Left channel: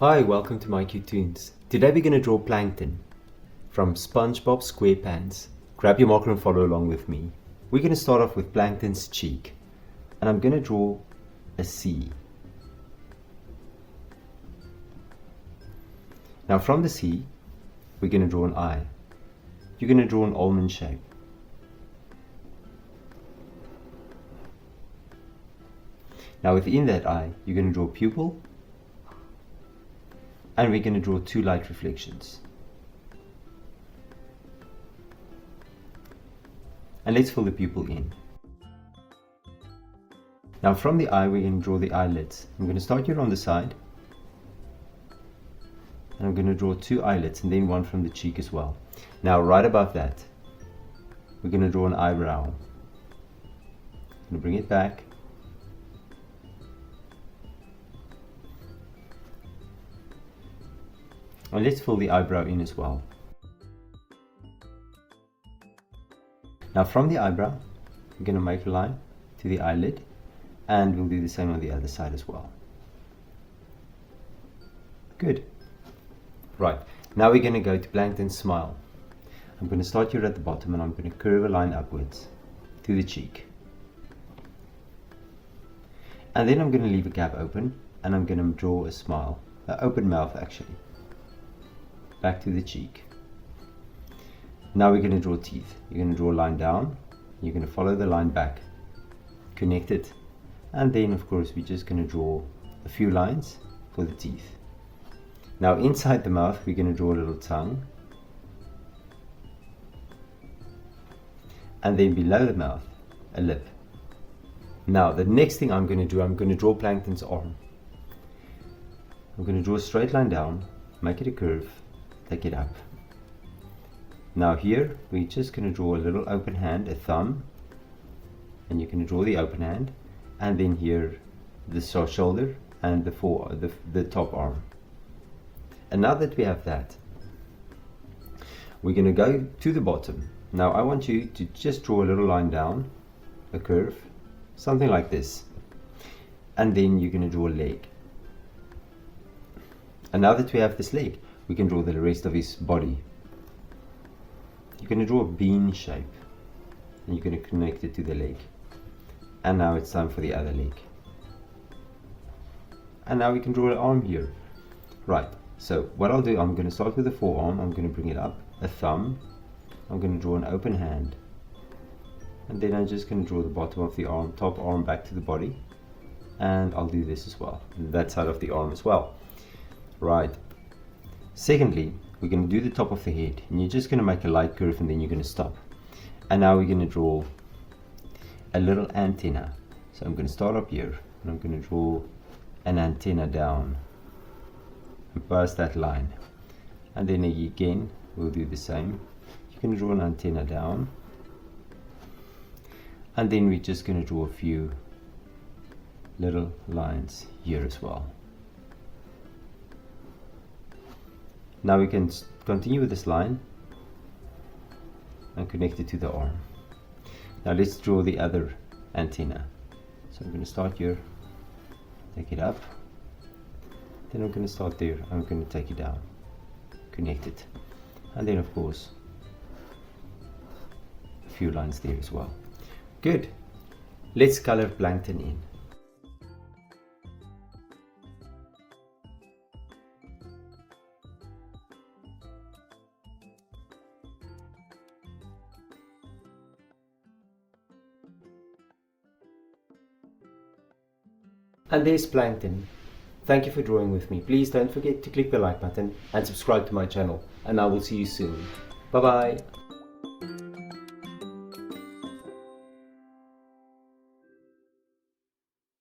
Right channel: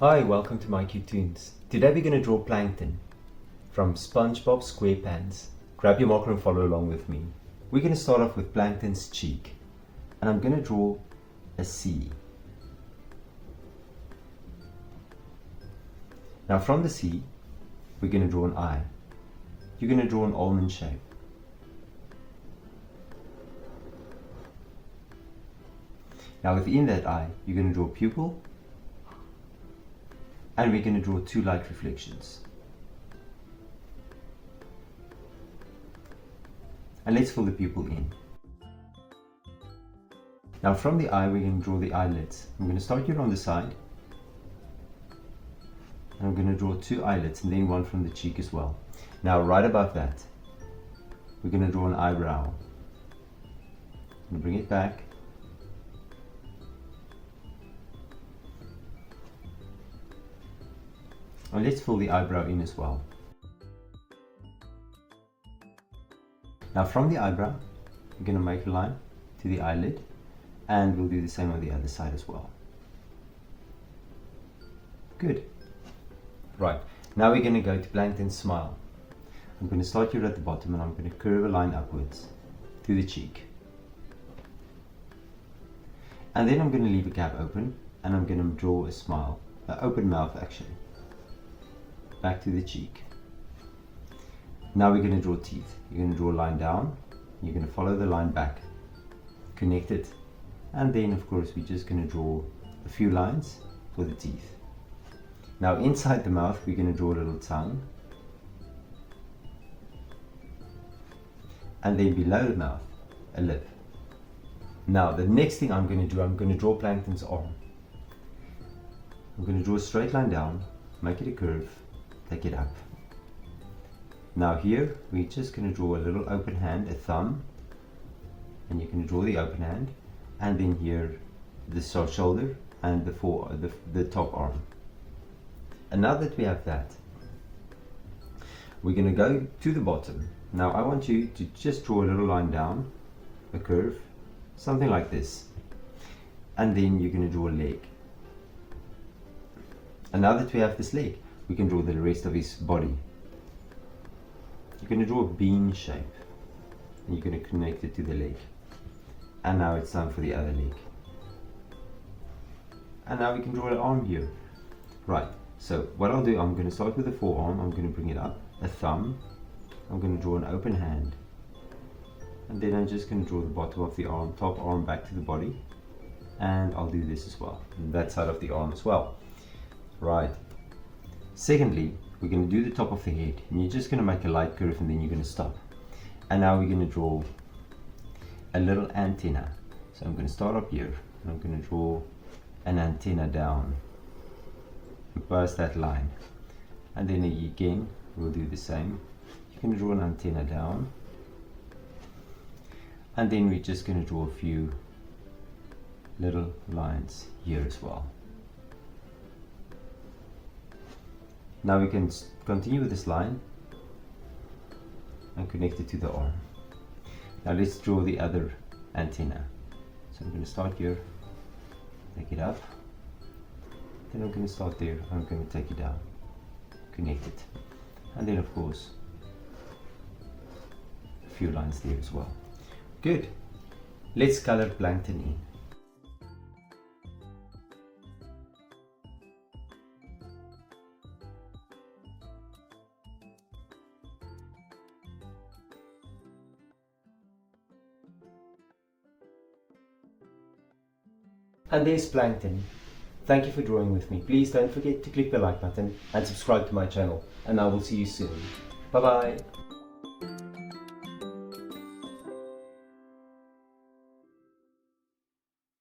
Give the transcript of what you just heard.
Hi, welcome to My Cute Toons. Today we're going to draw Plankton from SpongeBob SquarePants. Grab your marker and follow along with me. We're going to start off with Plankton's cheek. And I'm going to draw a C. Now from the C, we're going to draw an eye. You're going to draw an almond shape. Now within that eye, you're going to draw a pupil. And we're going to draw two light reflections. And let's fill the pupil in. Now from the eye, we're going to draw the eyelids. I'm going to start here on the side. And I'm going to draw two eyelids and then one from the cheek as well. Now right above that, we're going to draw an eyebrow. I'm going to bring it back. And let's fill the eyebrow in as well. Now from the eyebrow, we're going to make a line to the eyelid, and we'll do the same on the other side as well. Good. Right, now we're going to go to Plankton's smile. I'm going to start here at the bottom and I'm going to curve a line upwards to the cheek. And then I'm going to leave a gap open and I'm going to draw a smile, an open mouth actually. Back to the cheek. Now we're going to draw teeth. You're going to draw a line down, you're going to follow the line back, connect it, and then of course we're just going to draw a few lines for the teeth. Now inside the mouth we're going to draw a little tongue, and then below the mouth a lip. Now the next thing I'm going to do, I'm going to draw Plankton's arm. I'm going to draw a straight line down, make it a curve, take it up. Now here we're just going to draw a little open hand, a thumb, and you can draw the open hand, and then here the shoulder and the top arm. And now that we have that, we're going to go to the bottom. Now I want you to just draw a little line down, a curve, something like this, and then you're going to draw a leg. And now that we have this leg, we can draw the rest of his body. You're going to draw a bean shape and you're going to connect it to the leg. And now it's time for the other leg. And now we can draw an arm here. Right, so what I'll do, I'm going to start with the forearm, I'm going to bring it up, a thumb, I'm going to draw an open hand, and then I'm just going to draw the bottom of the arm, top arm back to the body, and I'll do this as well, that side of the arm as well. Right. Secondly, we're going to do the top of the head, and you're just going to make a light curve and then you're going to stop. And now we're going to draw a little antenna. So I'm going to start up here and I'm going to draw an antenna down past that line. And then again, we'll do the same. You can draw an antenna down. And then we're just going to draw a few little lines here as well. Now we can continue with this line and connect it to the arm. Now let's draw the other antenna. So I'm going to start here, take it up, then I'm going to start there, I'm going to take it down, connect it, and then of course a few lines there as well. Good. Let's color Plankton in. And there's Plankton. Thank you for drawing with me. Please don't forget to click the like button and subscribe to my channel. And I will see you soon. Bye bye.